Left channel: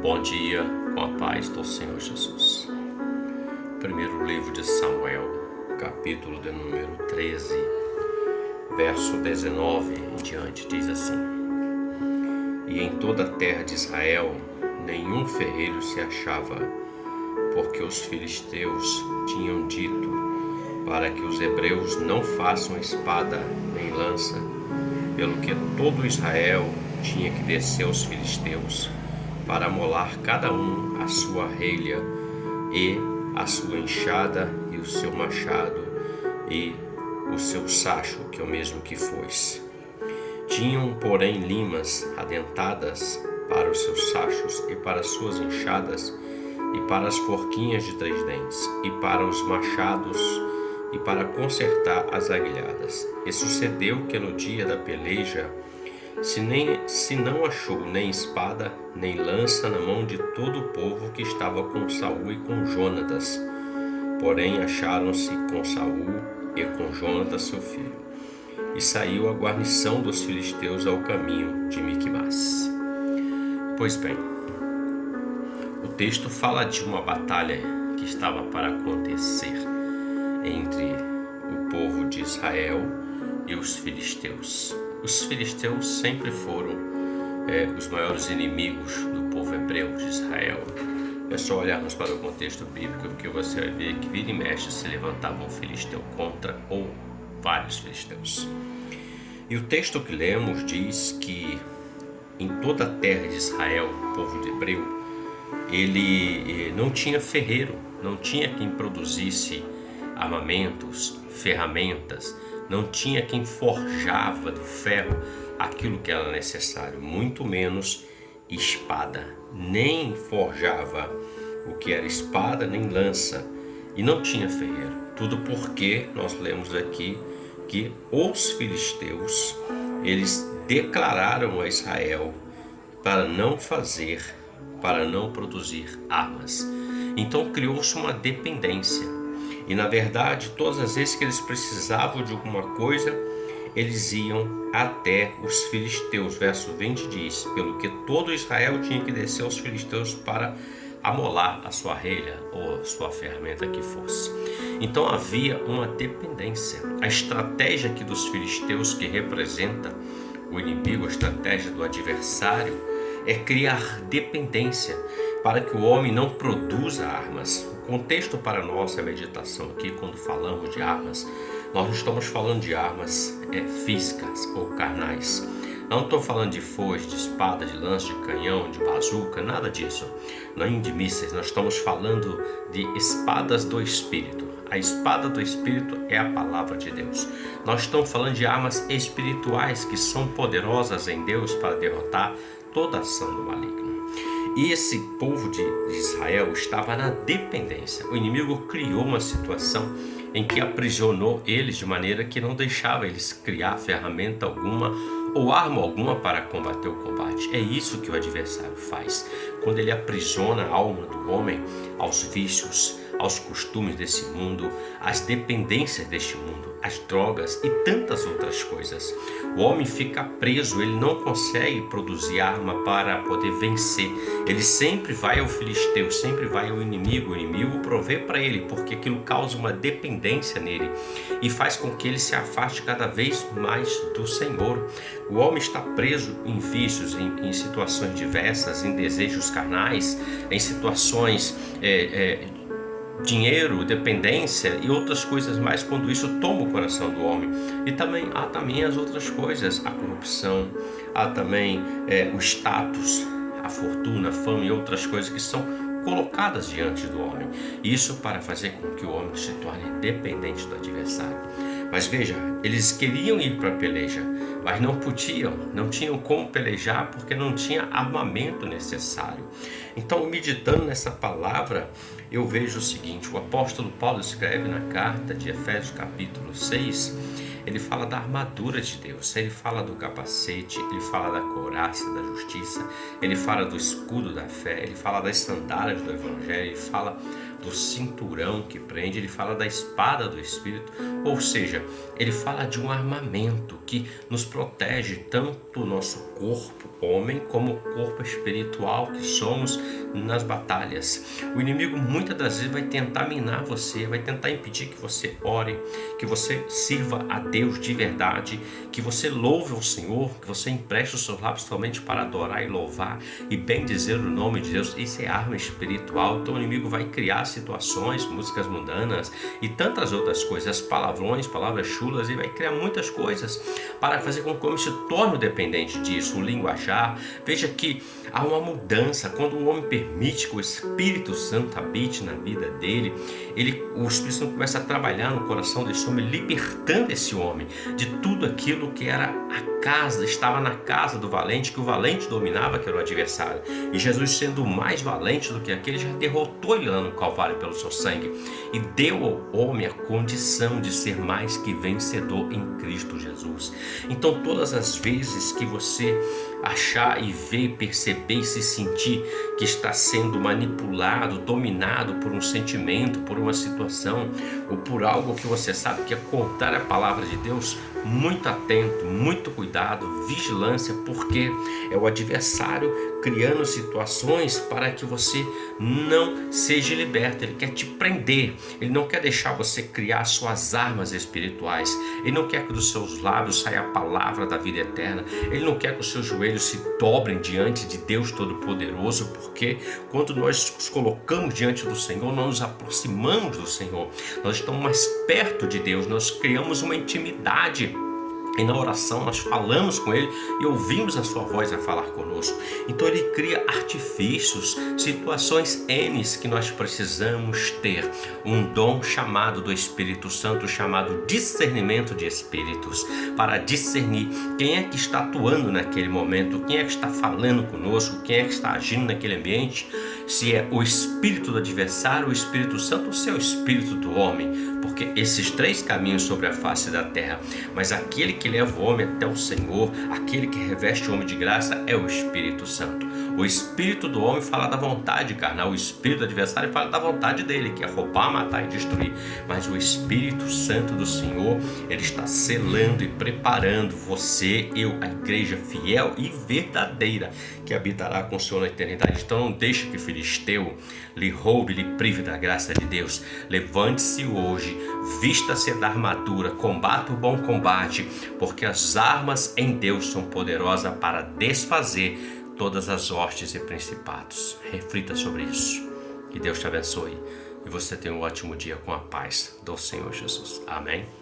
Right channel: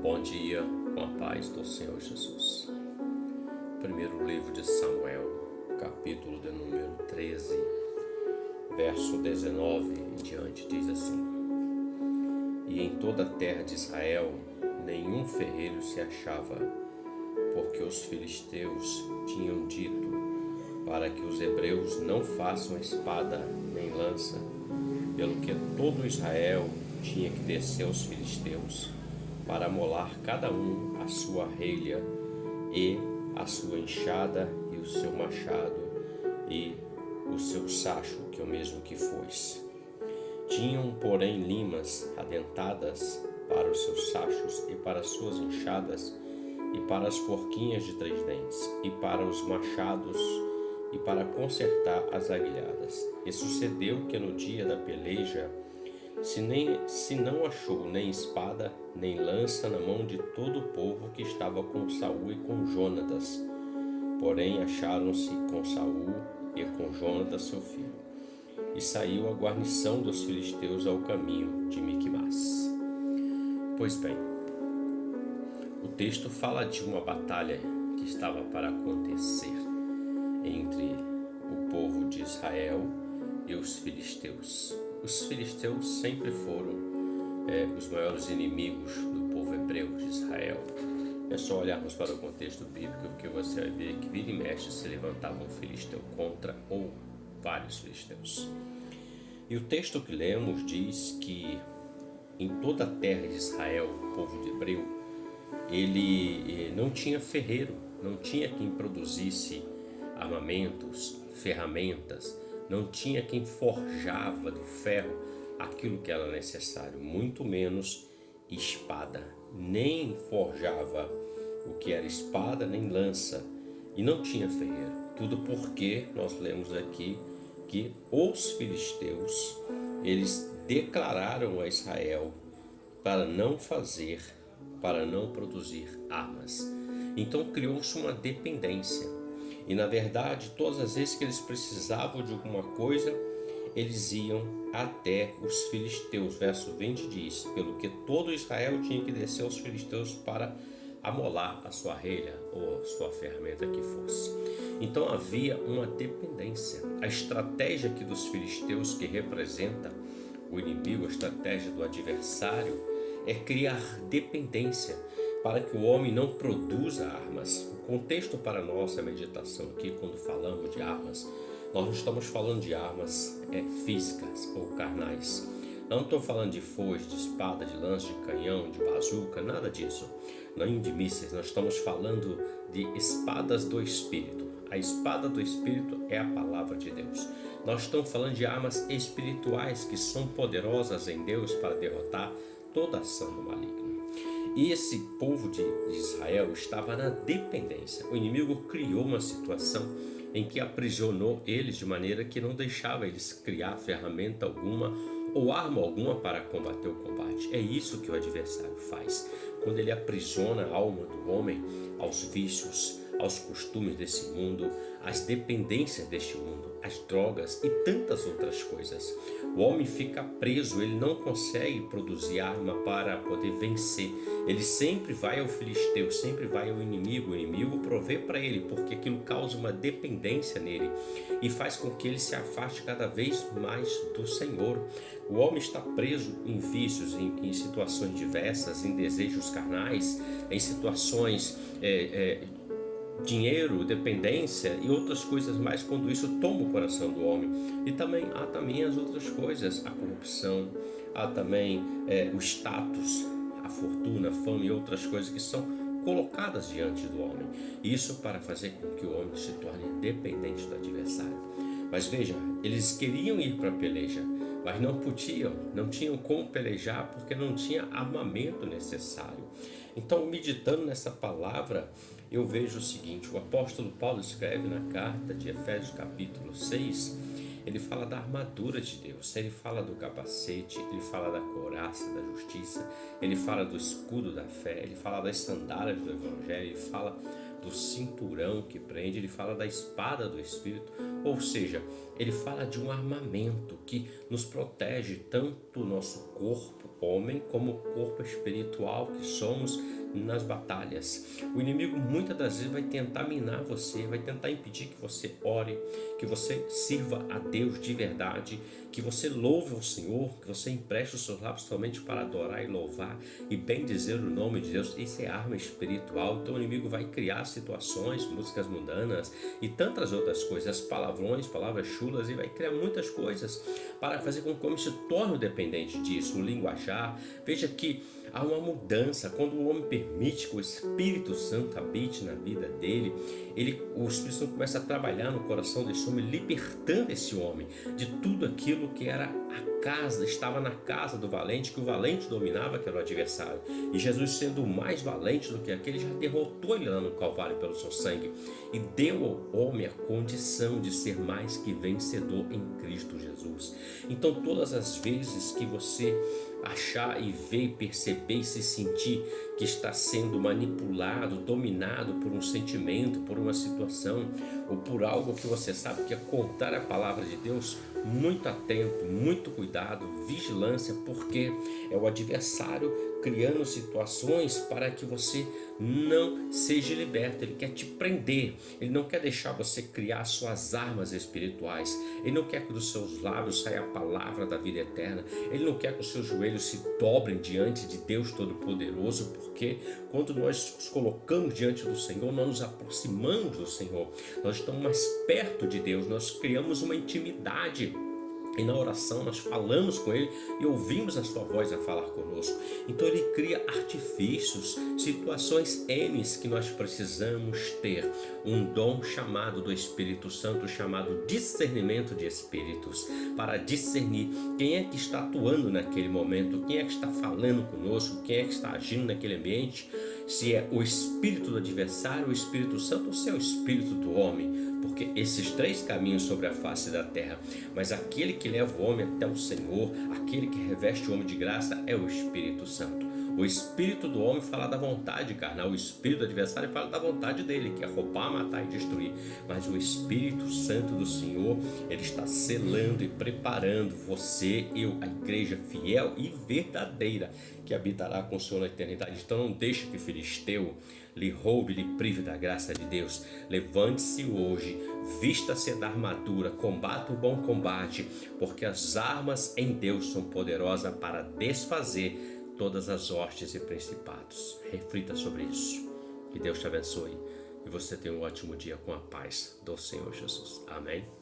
Bom dia, com a paz do Senhor Jesus. Primeiro livro de Samuel, capítulo de número 13, verso 19 em diante, diz assim: E em toda a terra de Israel nenhum ferreiro se achava, porque os filisteus tinham dito para que os hebreus não façam espada nem lança, pelo que todo Israel tinha que descer aos filisteus, para amolar cada um a sua relha, e a sua enxada, e o seu machado, e o seu sacho, que é o mesmo que foice. Tinham, porém, limas adentadas para os seus sachos, e para as suas enxadas, e para as forquinhas de 3 dentes, e para os machados, e para consertar as aguilhadas. E sucedeu que no dia da peleja, se não achou nem espada, nem lança na mão de todo o povo que estava com Saul e com Jonatas. Porém acharam-se com Saul e com Jonatas seu filho. E saiu a guarnição dos filisteus ao caminho de Miquimás. Pois bem, o texto fala de uma batalha que estava para acontecer entre o povo de Israel e os filisteus. Os filisteus sempre foram os maiores inimigos do povo hebreu de Israel. É só olharmos para o contexto bíblico que você vai ver que vira e mexe se levantava um filisteu contra ou vários filisteus. E o texto que lemos diz que em toda a terra de Israel, o povo de hebreu, ele não tinha ferreiro, não tinha quem produzisse armamentos, ferramentas, não tinha quem forjava do ferro aquilo que era necessário, muito menos espada, nem forjava o que era espada nem lança, e não tinha ferreiro. Tudo porque nós lemos aqui que os filisteus, eles declararam a Israel para não produzir armas. Então criou-se uma dependência. E na verdade, todas as vezes que eles precisavam de alguma coisa, eles iam até os filisteus. Verso 20 diz: pelo que todo Israel tinha que descer aos filisteus para amolar a sua relha ou a sua ferramenta que fosse. Então havia uma dependência. A estratégia aqui dos filisteus, que representa o inimigo, a estratégia do adversário, é criar dependência para que o homem não produza armas. O contexto para a nossa meditação aqui, quando falamos de armas, nós não estamos falando de armas físicas ou carnais. Não estou falando de foice, de espada, de lança, de canhão, de bazuca, nada disso. Nem de mísseis. Nós estamos falando de espadas do Espírito. A espada do Espírito é a palavra de Deus. Nós estamos falando de armas espirituais que são poderosas em Deus para derrotar toda ação do maligno. E esse povo de Israel estava na dependência. O inimigo criou uma situação em que aprisionou eles de maneira que não deixava eles criar ferramenta alguma ou arma alguma para combater o combate. É isso que o adversário faz. Quando ele aprisiona a alma do homem aos vícios, aos costumes desse mundo, às dependências deste mundo, às drogas e tantas outras coisas. O homem fica preso, ele não consegue produzir arma para poder vencer. Ele sempre vai ao filisteu, sempre vai ao inimigo. O inimigo provê para ele, porque aquilo causa uma dependência nele e faz com que ele se afaste cada vez mais do Senhor. O homem está preso em vícios, em situações diversas, em desejos carnais, em situações dinheiro, dependência e outras coisas mais, quando isso toma o coração do homem. E há também as outras coisas, a corrupção, há também o status, a fortuna, a fama e outras coisas que são colocadas diante do homem. Isso para fazer com que o homem se torne dependente do adversário. Mas veja, eles queriam ir para a peleja, mas não podiam, não tinham como pelejar porque não tinha armamento necessário. Então, meditando nessa palavra, eu vejo o seguinte: o apóstolo Paulo escreve na carta de Efésios capítulo 6, ele fala da armadura de Deus, ele fala do capacete, ele fala da couraça da justiça, ele fala do escudo da fé, ele fala das sandálias do evangelho, ele fala do cinturão que prende, ele fala da espada do Espírito, ou seja, ele fala de um armamento que nos protege tanto o nosso corpo, homem, como corpo espiritual que somos nas batalhas. O inimigo muitas das vezes vai tentar minar você, vai tentar impedir que você ore, que você sirva a Deus de verdade, que você louve o Senhor, que você empreste os seus lábios somente para adorar e louvar e bem dizer o nome de Deus. Isso é arma espiritual. Então o inimigo vai criar situações, músicas mundanas e tantas outras coisas, palavrões, palavras chulas, e vai criar muitas coisas para fazer com que o homem se torne dependente disso, o linguajar. Veja que há uma mudança quando o homem permite que o Espírito Santo habite na vida dele. O Espírito Santo começa a trabalhar no coração desse homem, libertando esse homem de tudo aquilo que era a casa, estava na casa do valente, que o valente dominava, que era o adversário. E Jesus, sendo mais valente do que aquele, já derrotou ele lá no Calvário pelo seu sangue e deu ao homem a condição de ser mais que vencedor em Cristo Jesus. Então, todas as vezes que você achar e ver, perceber e se sentir que está sendo manipulado, dominado por um sentimento, por uma situação ou por algo que você sabe que é contrário à palavra de Deus, muito atento, muito cuidado, vigilância, porque é o adversário criando situações para que você não seja liberto. Ele quer te prender, ele não quer deixar você criar suas armas espirituais, ele não quer que dos seus lábios saia a palavra da vida eterna, ele não quer que os seus joelhos se dobrem diante de Deus Todo-Poderoso, porque quando nós nos colocamos diante do Senhor, nós nos aproximamos do Senhor, nós estamos mais perto de Deus, nós criamos uma intimidade. E na oração nós falamos com Ele e ouvimos a sua voz a falar conosco. Então Ele cria artifícios, situações N que nós precisamos ter. Um dom chamado do Espírito Santo, chamado discernimento de espíritos, para discernir quem é que está atuando naquele momento, quem é que está falando conosco, quem é que está agindo naquele ambiente, se é o espírito do adversário, o Espírito Santo, ou se é o espírito do homem, porque esses três caminhos sobre a face da terra, mas aquele que leva o homem até o Senhor, aquele que reveste o homem de graça é o Espírito Santo. O espírito do homem fala da vontade carnal, o espírito do adversário fala da vontade dele, que é roubar, matar e destruir. Mas o Espírito Santo do Senhor, ele está selando e preparando você, eu, a igreja fiel e verdadeira, que habitará com o Senhor na eternidade. Então não deixe que filisteu lhe roube, lhe prive da graça de Deus. Levante-se hoje, vista-se da armadura, combata o bom combate, porque as armas em Deus são poderosas para desfazer todas as hostes e principados. Reflita sobre isso. Que Deus te abençoe e você tenha um ótimo dia com a paz do Senhor Jesus. Amém.